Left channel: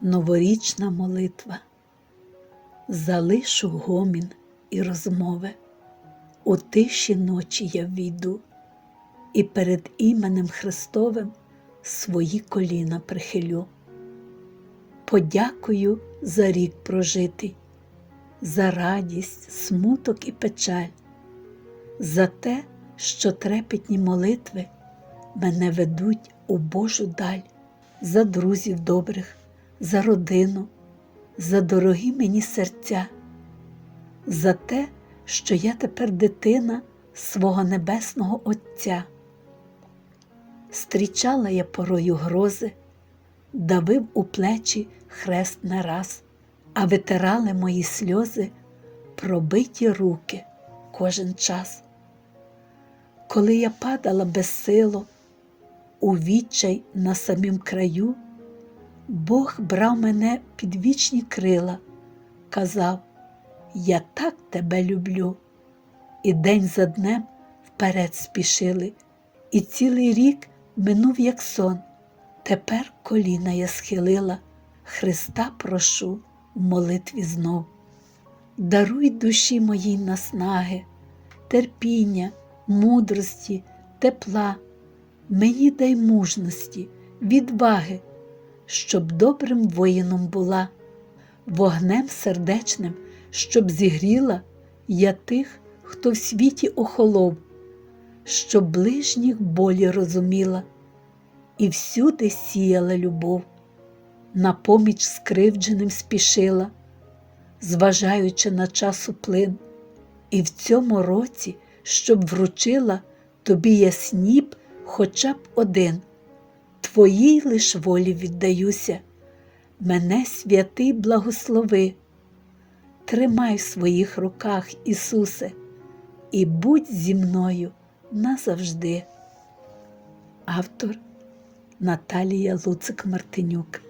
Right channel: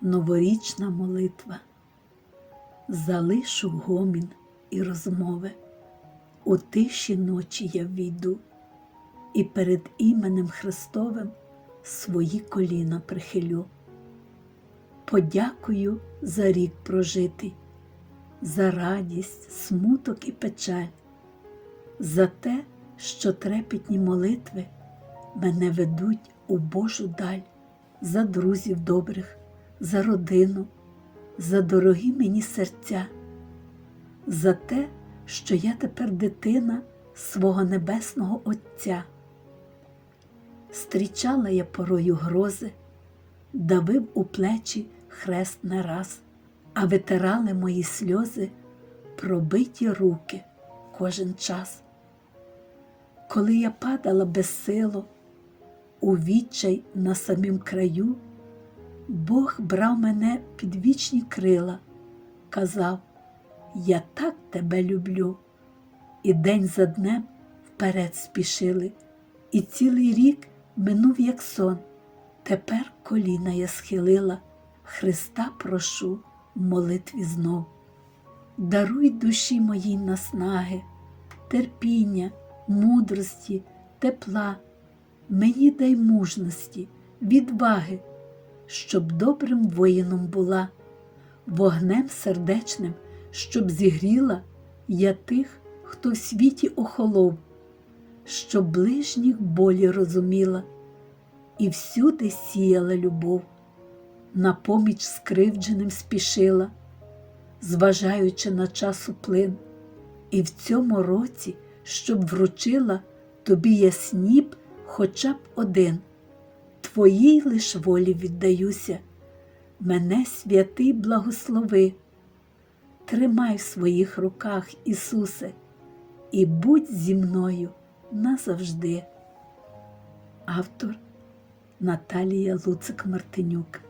новорічна молитва. Залишу гомін і розмови, у тиші ночі я війду, і перед іменем Христовим свої коліна прихилю. Подякую за рік прожитий, за радість, смуток і печаль, за те, що трепетні молитви мене ведуть у Божу даль, за друзів добрих, за родину, за дорогі мені серця, за те, що я тепер дитина свого небесного Отця. Стрічала я порою грози, давив у плечі хрест не раз, а витирали мої сльози пробиті руки кожен час. Коли я падала безсило, у відчай на самім краю, Бог брав мене під вічні крила, казав, я так тебе люблю. І день за днем вперед спішили, і цілий рік минув, як сон. Тепер коліна я схилила, Христа прошу в молитві знов. Даруй душі моїй наснаги, терпіння, мудрості, тепла, мені дай мужності, відваги, щоб добрим воїном була, вогнем сердечним, щоб зігріла я тих, хто в світі охолов, щоб ближніх болі розуміла і всюди сіяла любов, на поміч скривдженим спішила, зважаючи на часу плин, і в цьому році, щоб вручила тобі я сніп хоча б один, твоїй лиш волі віддаюся, мене святий благослови, тримай в своїх руках, Ісусе, і будь зі мною назавжди. Автор Наталія Луцик Мартинюк